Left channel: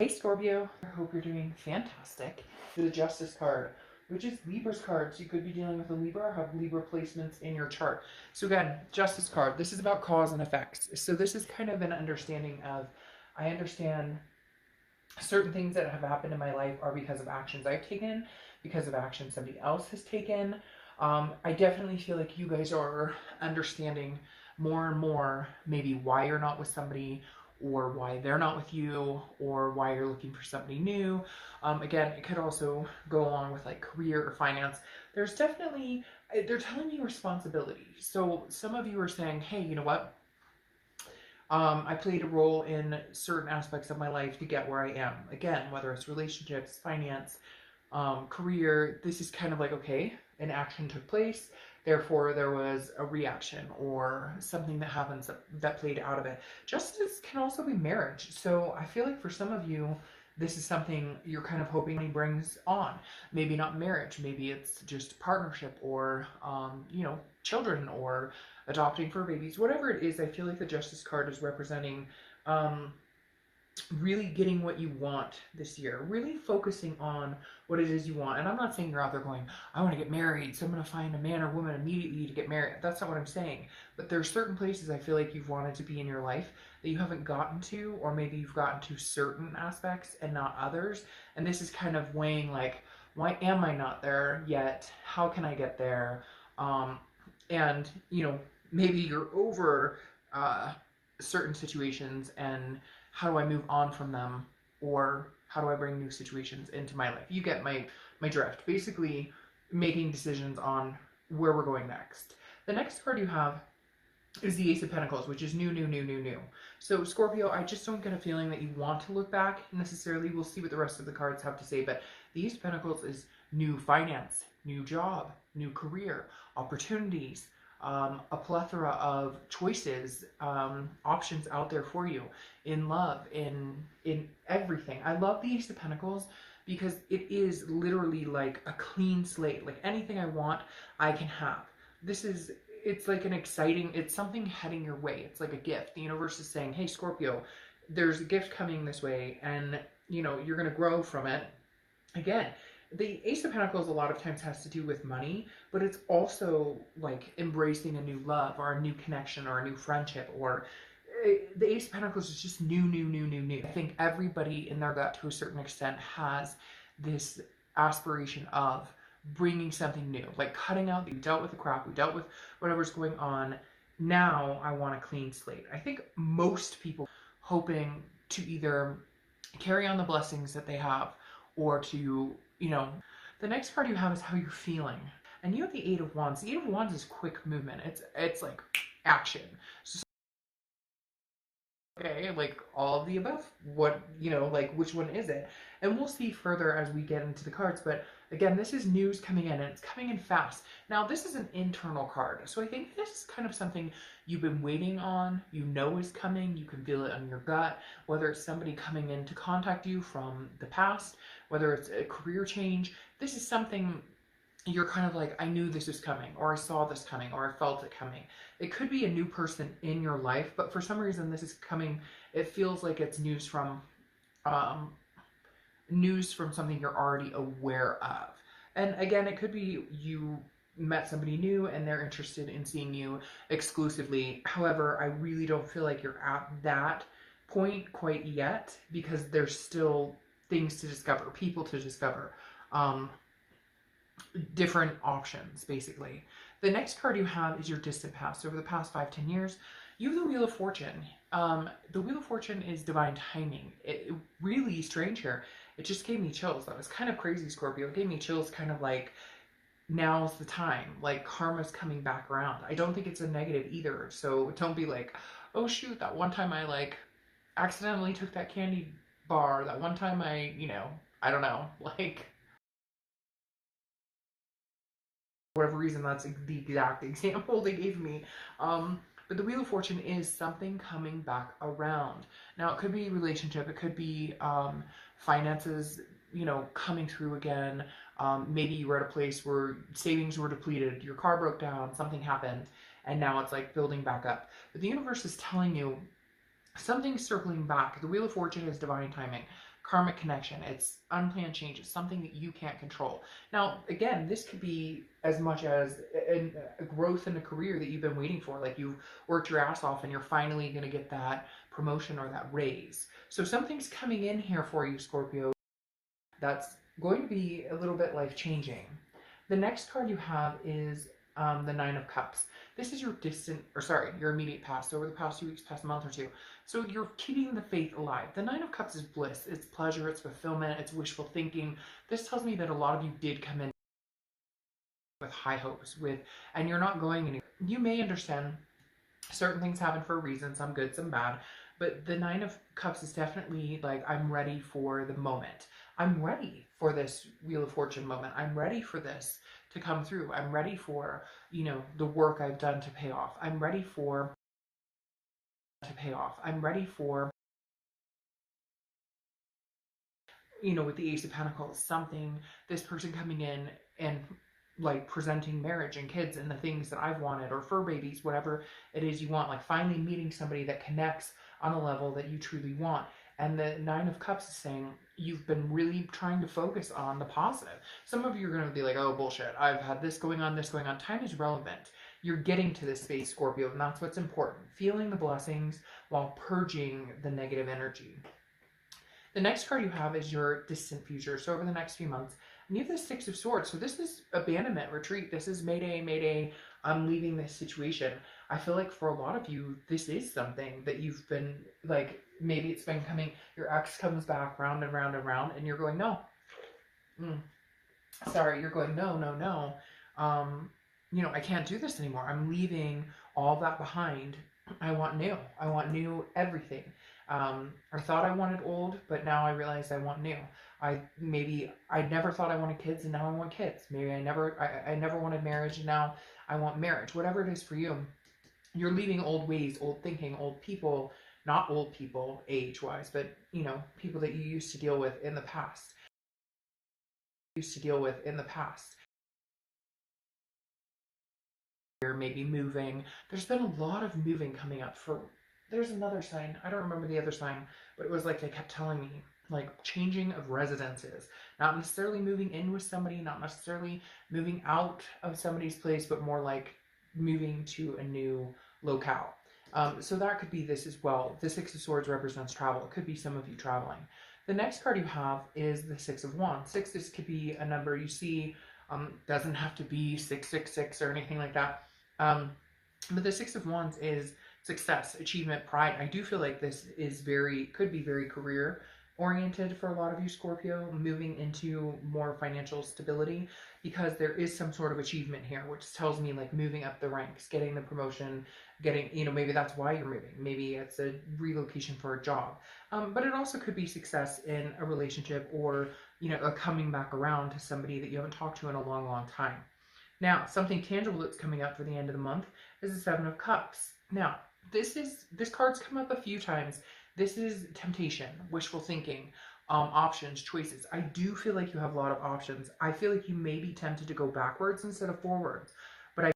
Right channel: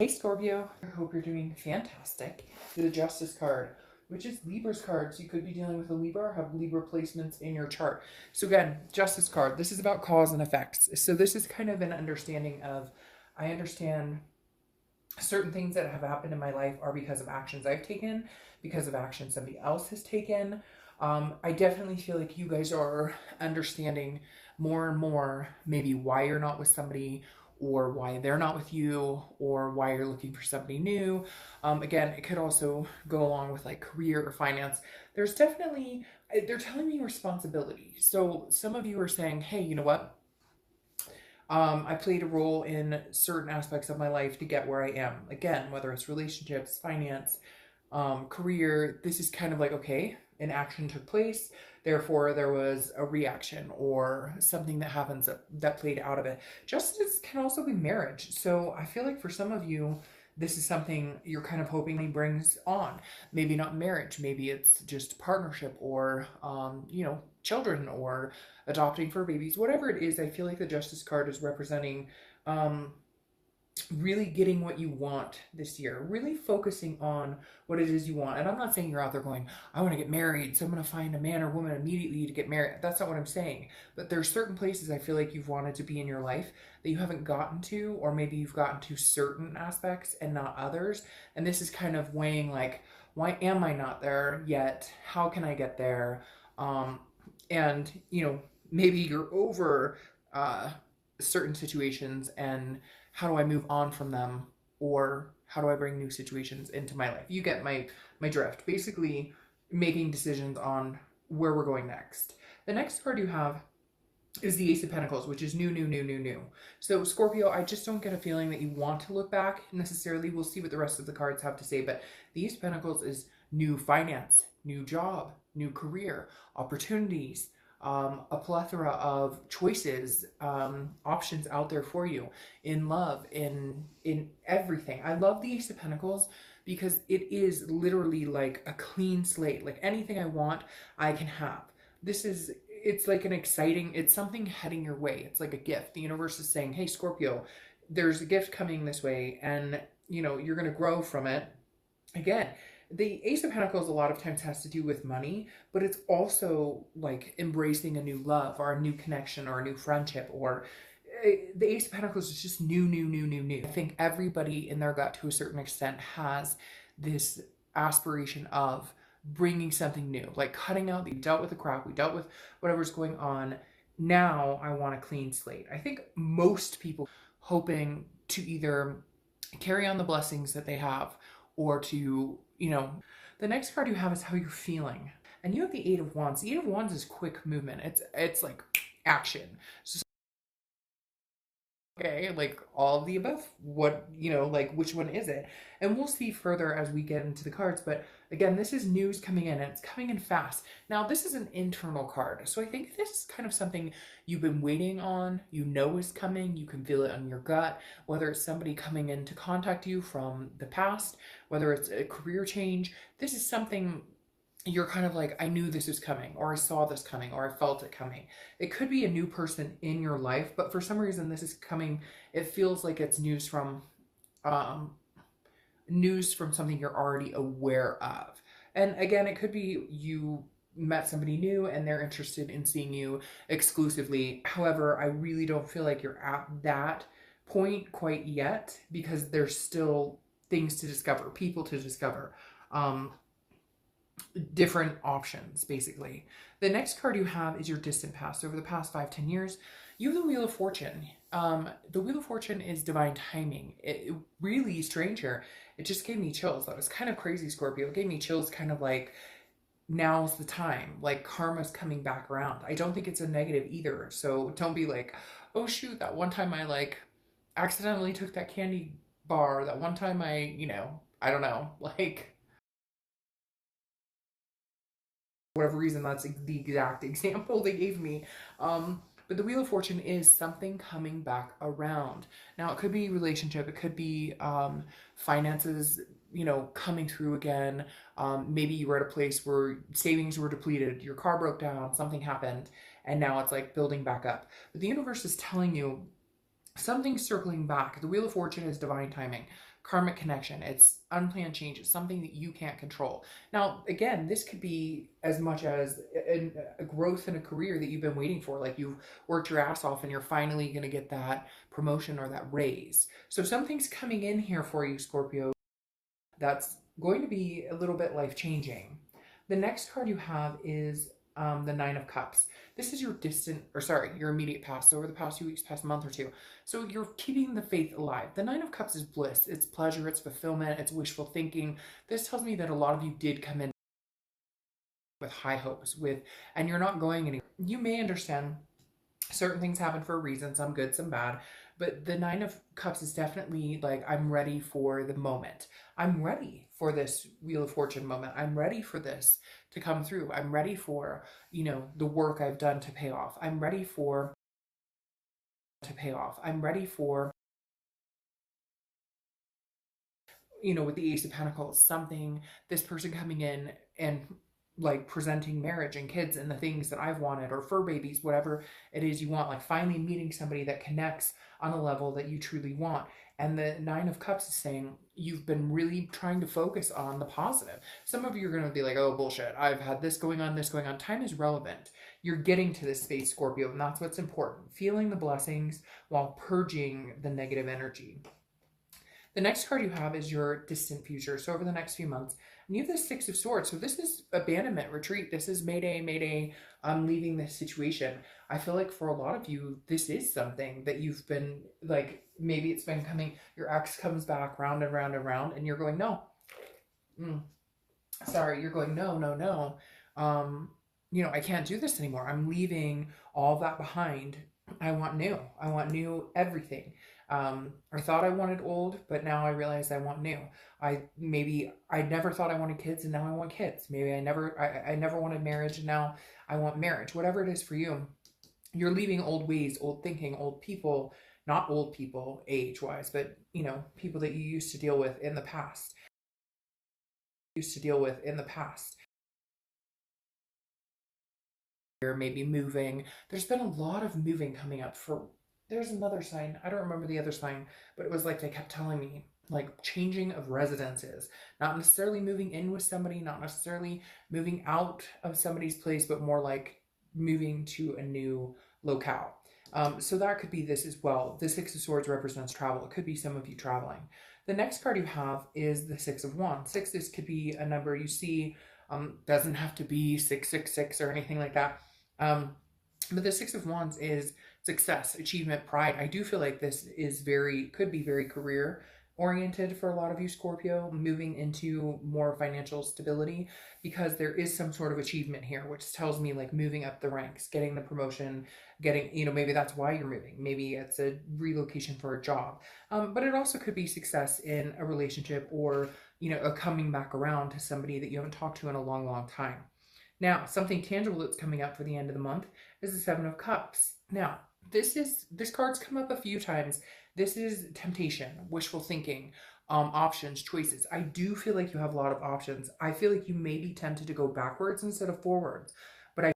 Hey Scorpio, I hope you're doing fantastic. The Justice card, which is Libra's cards. You could be dealing with a Libra or have Libra placements in your chart. So again, Justice card, this is about cause and effects. So this is kind of an understanding of, I understand certain things that have happened in my life are because of actions I've taken, because of actions somebody else has taken. I definitely feel like you guys are understanding more and more maybe why you're not with somebody, or why they're not with you, or why you're looking for somebody new. Again, it could also go along with like career or finance. There's definitely, they're telling me responsibility. So some of you are saying, hey, you know what? I played a role in certain aspects of my life to get where I am. Again, whether it's relationships, finance, career, this is kind of like, okay, an action took place, therefore there was a reaction or something that happens that played out of it. Justice can also be marriage. So I feel like for some of you, this is something you're kind of hoping he brings on. Maybe not marriage, maybe it's just partnership, or, children, or adopting fur babies, whatever it is. I feel like the Justice card is representing um, really getting what you want this year, really focusing on what it is you want. And I'm not saying you're out there going, I want to get married, so I'm going to find a man or woman immediately to get married. That's not what I'm saying. But there are certain places I feel like you've wanted to be in your life that you haven't gotten to, or maybe you've gotten to certain aspects and not others. And this is kind of weighing like, why am I not there yet? How can I get there? And, maybe you're over certain situations, and how do I move on from them, or how do I bring new situations into my life? You get my drift. Basically, making decisions on where we're going next. The next card you have is the Ace of Pentacles, which is new, new, new, new, new. So Scorpio, I just don't get a feeling that you want to look back necessarily. We'll see what the rest of the cards have to say, but the Ace of Pentacles is new finance, new job, new career, opportunities, a plethora of choices, options out there for you in love, in everything. I love the Ace of Pentacles because it is literally like a clean slate. Like anything I want, I can have. It's like an exciting, it's something heading your way. It's like a gift. The universe is saying, hey, Scorpio, there's a gift coming this way, and you're going to grow from it. Again, the Ace of Pentacles a lot of times has to do with money, but it's also like embracing a new love, or a new connection, or a new friendship, or the Ace of Pentacles is just new, new, new, new, new. I think everybody in their gut to a certain extent has this aspiration of bringing something new, like cutting out, we dealt with the crap, we dealt with whatever's going on. Now I want a clean slate. I think most people hoping to either carry on the blessings that they have, or to, the next card you have is how you're feeling. And you have the Eight of Wands. The Eight of Wands is quick movement. It's like action. So, okay, like all of the above. What, like which one is it? And we'll see further as we get into the cards. But again, this is news coming in, and it's coming in fast. Now, this is an internal card. So I think this is kind of something you've been waiting on, is coming. You can feel it on your gut, whether it's somebody coming in to contact you from the past, whether it's a career change. This is something you're kind of like, I knew this was coming, or I saw this coming, or I felt it coming. It could be a new person in your life, but for some reason this is coming, it feels like it's um, news from something you're already aware of. And again, it could be you met somebody new and they're interested in seeing you exclusively. However, I really don't feel like you're at that point quite yet, because there's still things to discover, people to discover. Different options, basically. The next card you have is your distant past. Over the past 5-10 years, you have the Wheel of Fortune. The Wheel of Fortune is divine timing. It really strange here. It just gave me chills. That was kind of crazy, Scorpio. It gave me chills, kind of like, now's the time. Like, karma's coming back around. I don't think it's a negative either. So don't be like, oh shoot, that one time I like accidentally took that candy bar. That one time I I don't know, like, whatever reason, that's the exact example they gave me. But the Wheel of Fortune is something coming back around. Now, it could be relationship, it could be finances, coming through again. Maybe you were at a place where savings were depleted, your car broke down, something happened, and now it's like building back up. But the universe is telling you something's circling back. The Wheel of Fortune is divine timing. karmic connection. It's unplanned change. It's something that you can't control. Now, again, this could be as much as a growth in a career that you've been waiting for. Like you've worked your ass off and you're finally going to get that promotion or that raise. So something's coming in here for you, Scorpio, that's going to be a little bit life changing. The next card you have is the Nine of Cups. This is your distant, or sorry, your immediate past, over the past few weeks, past month or two. So you're keeping the faith alive. The Nine of Cups is bliss, it's pleasure, it's fulfillment, it's wishful thinking. This tells me that a lot of you did come in with high hopes, and you're not going anywhere. You may understand certain things happen for a reason, some good, some bad. But the Nine of Cups is definitely like, I'm ready for the moment. I'm ready for this Wheel of Fortune moment. I'm ready for this to come through. I'm ready for, the work I've done to pay off. I'm ready for I'm ready for, with the Ace of Pentacles, something, this person coming in and like presenting marriage and kids and the things that I've wanted, or fur babies, whatever it is you want, like finally meeting somebody that connects on a level that you truly want. And the Nine of Cups is saying you've been really trying to focus on the positive. Some of you are going to be like, oh, bullshit, I've had this going on, this going on. Time is relevant. You're getting to this space, Scorpio, and that's what's important. Feeling the blessings while purging the negative energy. The next card you have is your distant future. So over the next few months, and you have the Six of Swords. So this is abandonment, retreat. This is mayday, mayday. I'm leaving this situation. I feel like for a lot of you, this is something that you've been like, maybe it's been coming, your ex comes back round and round and round, and you're going, no. Sorry, you're going, no, no, no. I can't do this anymore. I'm leaving all of that behind. I want new. I want new everything. I thought I wanted old, but now I realize I want new. I never thought I wanted kids, and now I want kids. Maybe I never wanted marriage, and now I want marriage. Whatever it is for you, you're leaving old ways, old thinking, old people, not old people age-wise, but people that you used to deal with in the past. You're maybe moving. There's been a lot of moving coming up there's another sign. I don't remember the other sign, but it was like they kept telling me, like, changing of residences. Not necessarily moving in with somebody, not necessarily moving out of somebody's place, but more like moving to a new locale. So that could be this as well. The Six of Swords represents travel. It could be some of you traveling. The next card you have is the Six of Wands. This could be a number you see. Doesn't have to be 666 or anything like that. But the Six of Wands is success, achievement, pride. I do feel like this is could be very career oriented for a lot of you, Scorpio, moving into more financial stability, because there is some sort of achievement here, which tells me like moving up the ranks, getting the promotion, getting, maybe that's why you're moving. Maybe it's a relocation for a job. But it also could be success in a relationship, or, a coming back around to somebody that you haven't talked to in a long, long time. Now, something tangible that's coming up for the end of the month is the Seven of Cups. Now, this card's come up a few times. This is temptation, wishful thinking, options, choices. I do feel like you have a lot of options. I feel like you may be tempted to go backwards instead of forwards, but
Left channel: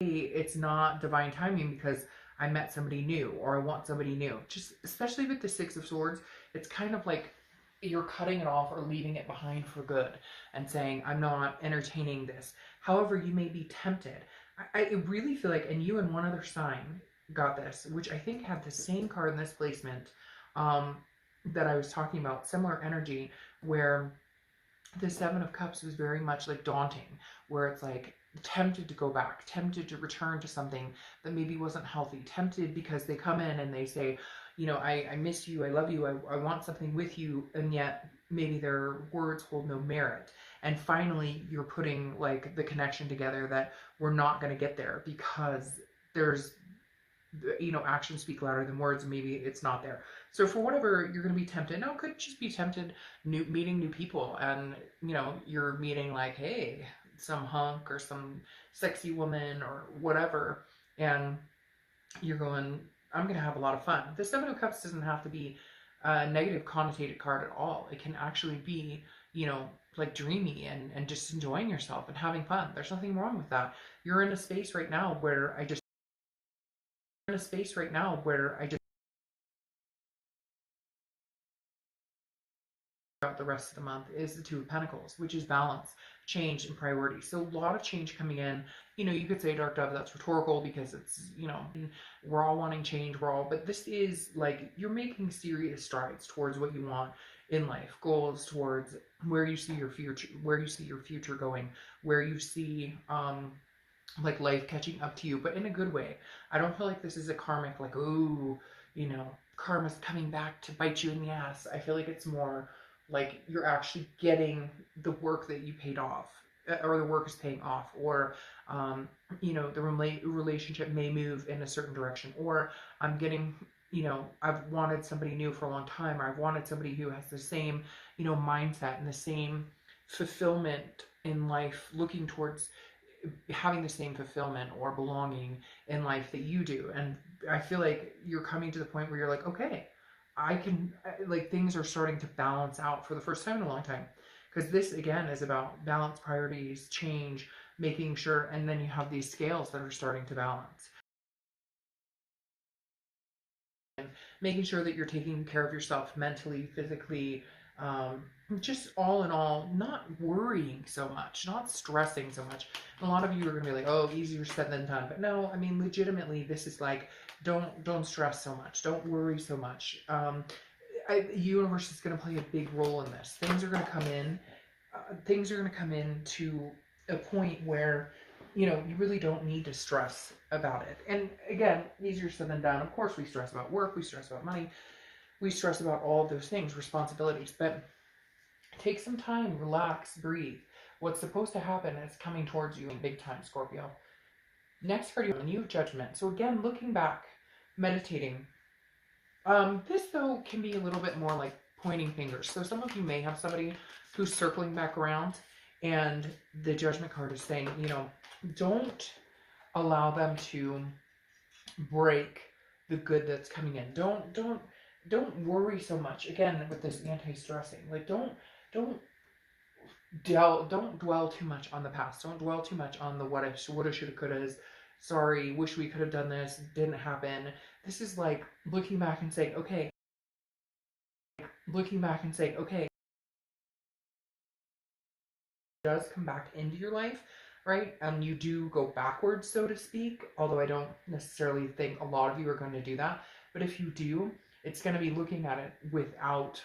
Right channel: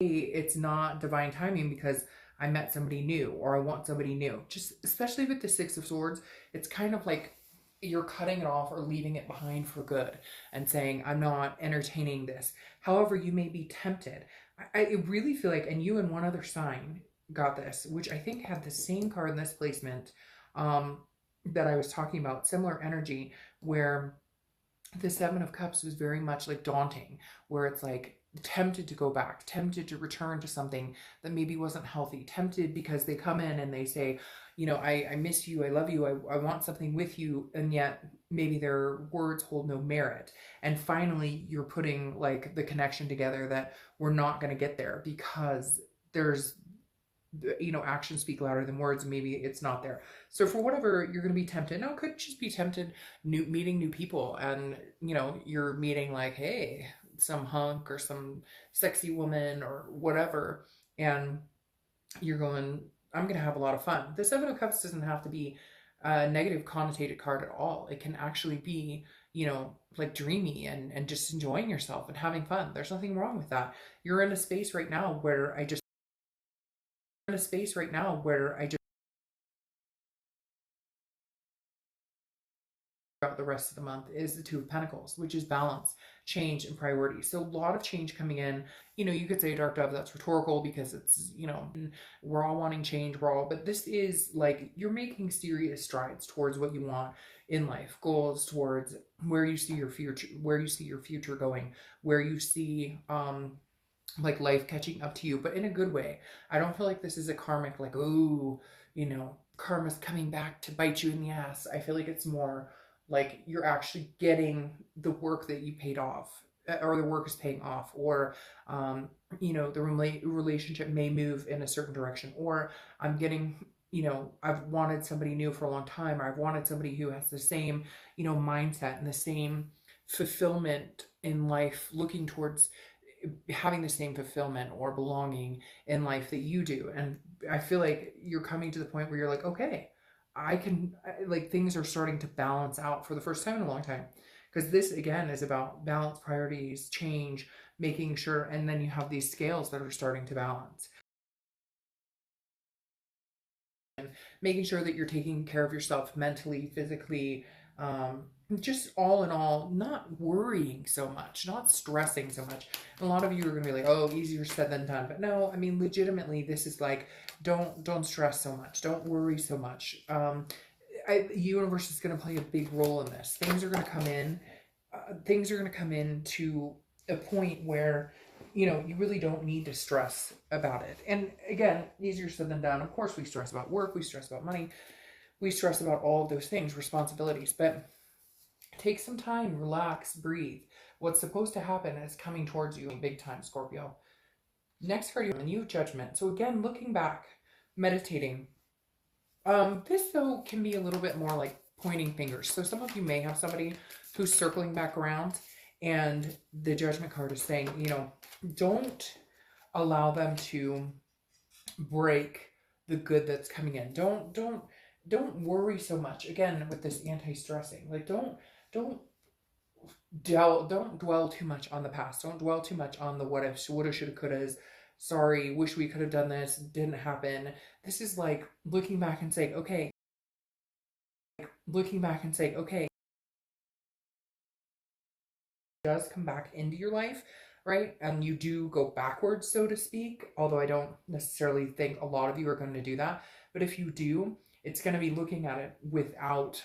it's not divine timing because I met somebody new, or I want somebody new. Just especially with the Six of Swords, it's kind of like you're cutting it off or leaving it behind for good and saying, I'm not entertaining this. However, you may be tempted. I really feel like, and you and one other sign got this, which I think had the same card in this placement that I was talking about, similar energy, where the Seven of Cups was very much like daunting, where it's like tempted to go back, tempted to return to something that maybe wasn't healthy, tempted because they come in and they say, I miss you, I love you, I want something with you, and yet maybe their words hold no merit. And finally, you're putting like the connection together that we're not going to get there because there's, actions speak louder than words. Maybe it's not there. So for whatever, you're going to be tempted. Now, it could just be tempted meeting new people, and, you're meeting like, hey, some hunk or some sexy woman or whatever, and you're going, I'm going to have a lot of fun. The Seven of Cups doesn't have to be a negative connotated card at all. It can actually be, like dreamy and just enjoying yourself and having fun. There's nothing wrong with that. You're in a space right now where I just in a space right now where I just throughout the rest of the month is the Two of Pentacles, which is balance, change, and priority. So a lot of change coming in. You know, you could say a dark dove, that's rhetorical because it's, you know, we're all wanting change, but this is like you're making serious strides towards what you want in life, goals towards where you see your future going, where you see like life catching up to you, but in a good way. I don't feel like this is a karmic, like, oh, you know, karma's coming back to bite you in the ass. I feel like it's more like you're actually getting the work that you paid off, or the work is paying off, or you know, the relationship may move in a certain direction, or I'm getting, you know, I've wanted somebody new for a long time, or I've wanted somebody who has the same, you know, mindset and the same fulfillment in life, looking towards having the same fulfillment or belonging in life that you do. And I feel like you're coming to the point where you're like, okay, like things are starting to balance out for the first time in a long time. Because this again is about balance, priorities, change, making sure, and then you have these scales that are starting to balance. And making sure that you're taking care of yourself mentally, physically, just all in all, not worrying so much, not stressing so much. A lot of you are going to be like, oh, easier said than done. But no, I mean, legitimately, this is like, don't stress so much. Don't worry so much. The universe is going to play a big role in this. Things are going to come in. Things are going to come in to a point where, you know, you really don't need to stress about it. And again, easier said than done. Of course, we stress about work. We stress about money. We stress about all of those things, responsibilities. But take some time, relax, breathe. What's supposed to happen is coming towards you in big time, Scorpio. Next card, you have a new judgment. So again, looking back, meditating. This though can be a little bit more like pointing fingers. So some of you may have somebody who's circling back around, and the judgment card is saying, you know, don't allow them to break the good that's coming in. Don't worry so much. Again, with this anti-stressing, like don't dwell too much on the past. Don't dwell too much on the what ifs, woulda, shoulda, couldas. Sorry, wish we could have done this, didn't happen. This is like looking back and saying, okay, does come back into your life, right? And you do go backwards, so to speak, although I don't necessarily think a lot of you are going to do that. But if you do, it's going to be looking at it without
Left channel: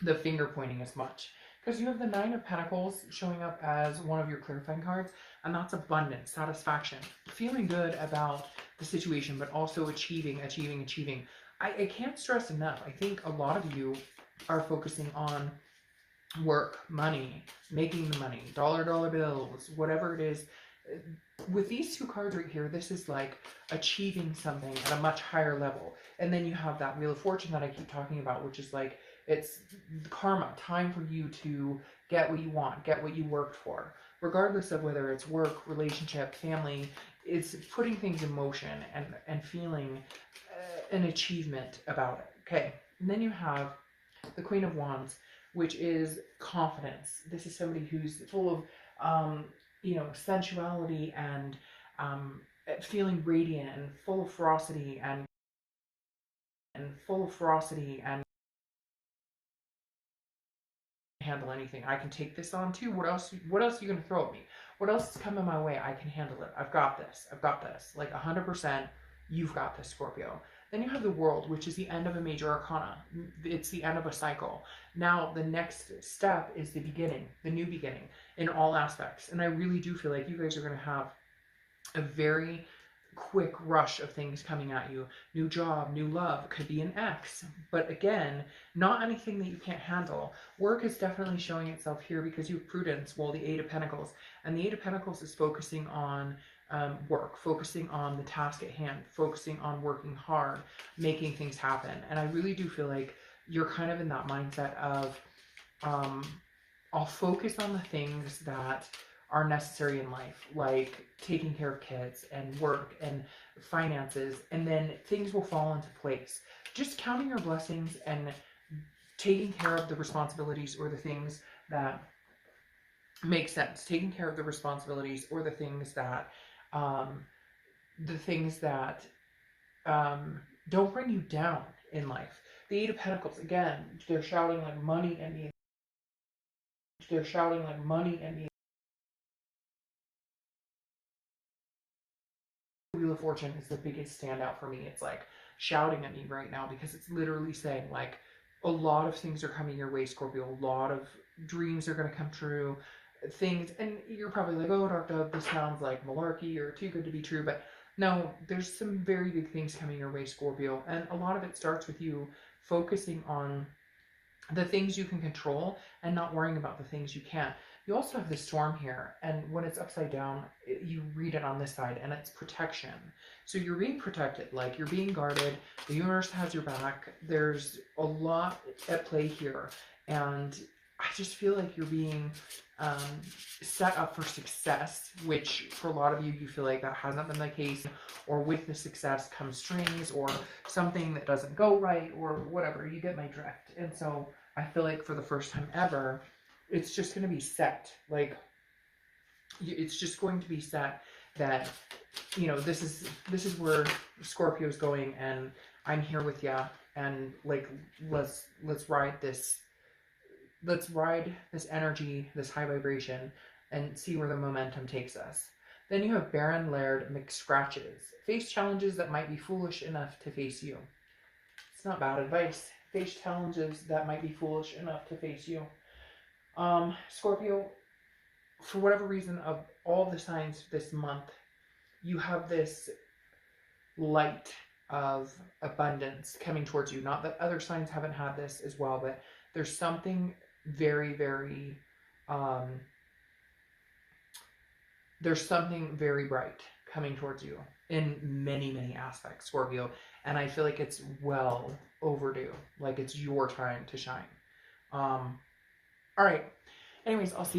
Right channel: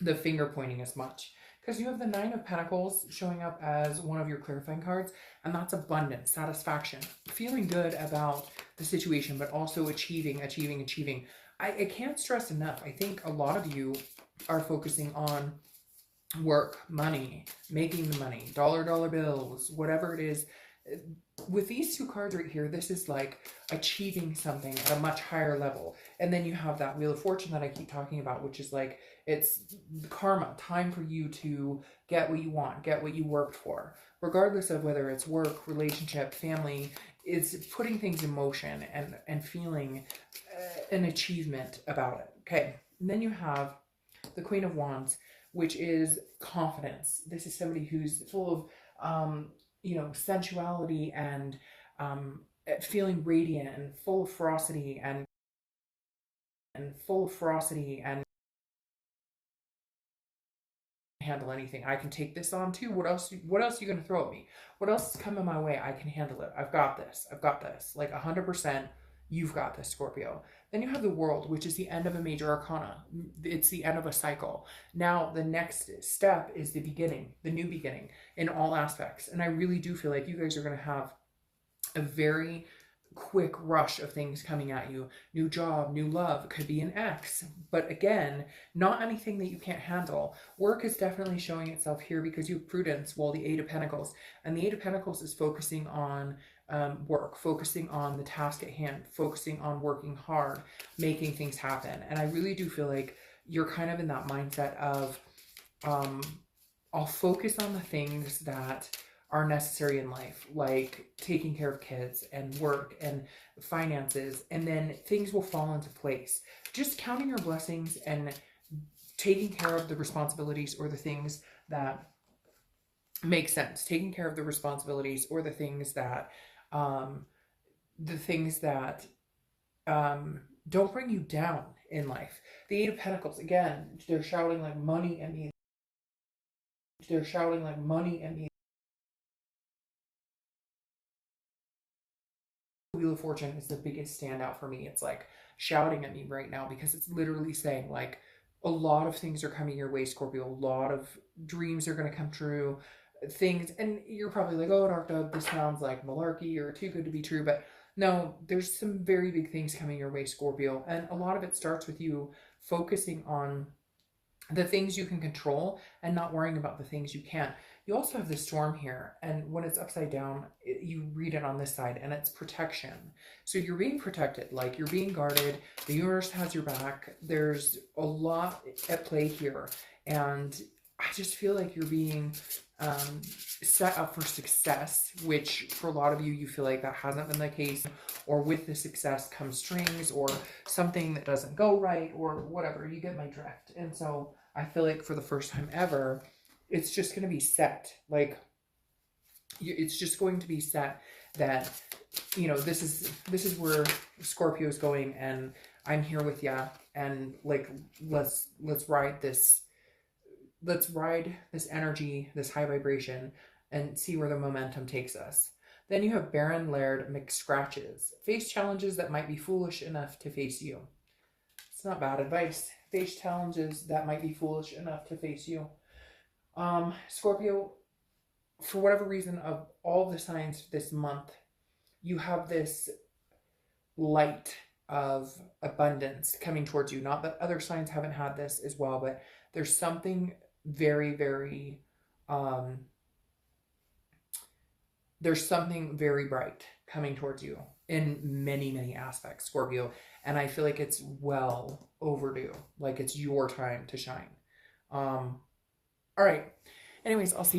the finger pointing as much. Because you have the Nine of Pentacles showing up as one of your clarifying cards, and that's abundance, satisfaction, feeling good about the situation, but also achieving. I can't stress enough. I think a lot of you are focusing on work, money, making money, dollar bills, whatever it is. With these two cards right here, this is like achieving something at a much higher level. And then you have that Wheel of Fortune that I keep talking about, which is like, it's karma, time for you to get what you want, get what you worked for. Regardless of whether it's work, relationship, family, it's putting things in motion and feeling an achievement about it. Okay, and then you have the Queen of Wands, which is confidence. This is somebody who's full of, you know, sensuality and feeling radiant and full of ferocity and handle anything. I can take this on too. What else are you going to throw at me? What else is coming my way? I can handle it. I've got this. Like 100%, you've got this, Scorpio. Then you have the World, which is the end of a major arcana. It's the end of a cycle. Now, the next step is the beginning, the new beginning in all aspects. And I really do feel like you guys are going to have a very quick rush of things coming at you. New job, new love, could be an ex. But again, not anything that you can't handle. Work is definitely showing itself here because you have prudence, well, the Eight of Pentacles. And the Eight of Pentacles is focusing on work, focusing on the task at hand, focusing on working hard, making things happen. And I really do feel like you're kind of in that mindset of, I'll focus on the things that are necessary in life, like taking care of kids and work and finances, and then things will fall into place. Just counting your blessings and taking care of the responsibilities or the things that make sense. Taking care of the responsibilities or the things that don't bring you down in life. The Eight of Pentacles, again, they're shouting like money at me. They're shouting like money at me. Wheel of Fortune is the biggest standout for me. It's like shouting at me right now because it's literally saying like a lot of things are coming your way, Scorpio. A lot of dreams are going to come true. Things, and you're probably like, oh, Dark Dove, this sounds like malarkey or too good to be true. But no, there's some very big things coming your way, Scorpio. And a lot of it starts with you focusing on the things you can control and not worrying about the things you can't. You also have the storm here, and when it's upside down, you read it on this side, and it's protection. So you're being protected, like you're being guarded. The universe has your back. There's a lot at play here, and I just feel like you're being set up for success, which for a lot of you, you feel like that hasn't been the case, or with the success comes strings, or something that doesn't go right, or whatever. You get my drift. And so I feel like for the first time ever, it's just going to be set. Like, it's just going to be set that, you know, this is where Scorpio's going, and I'm here with you, and like, let's ride this energy, this high vibration, and see where the momentum takes us. Then you have Baron Laird McScratches. Face challenges that might be foolish enough to face you. It's not bad advice. Face challenges that might be foolish enough to face you. Scorpio, for whatever reason, of all the signs this month, you have this light of abundance coming towards you. Not that other signs haven't had this as well, but there's something very, very, there's something very bright coming towards you in many, many aspects, Scorpio. And I feel like it's well overdue. Like it's your time to shine. All right. Anyways, I'll see you.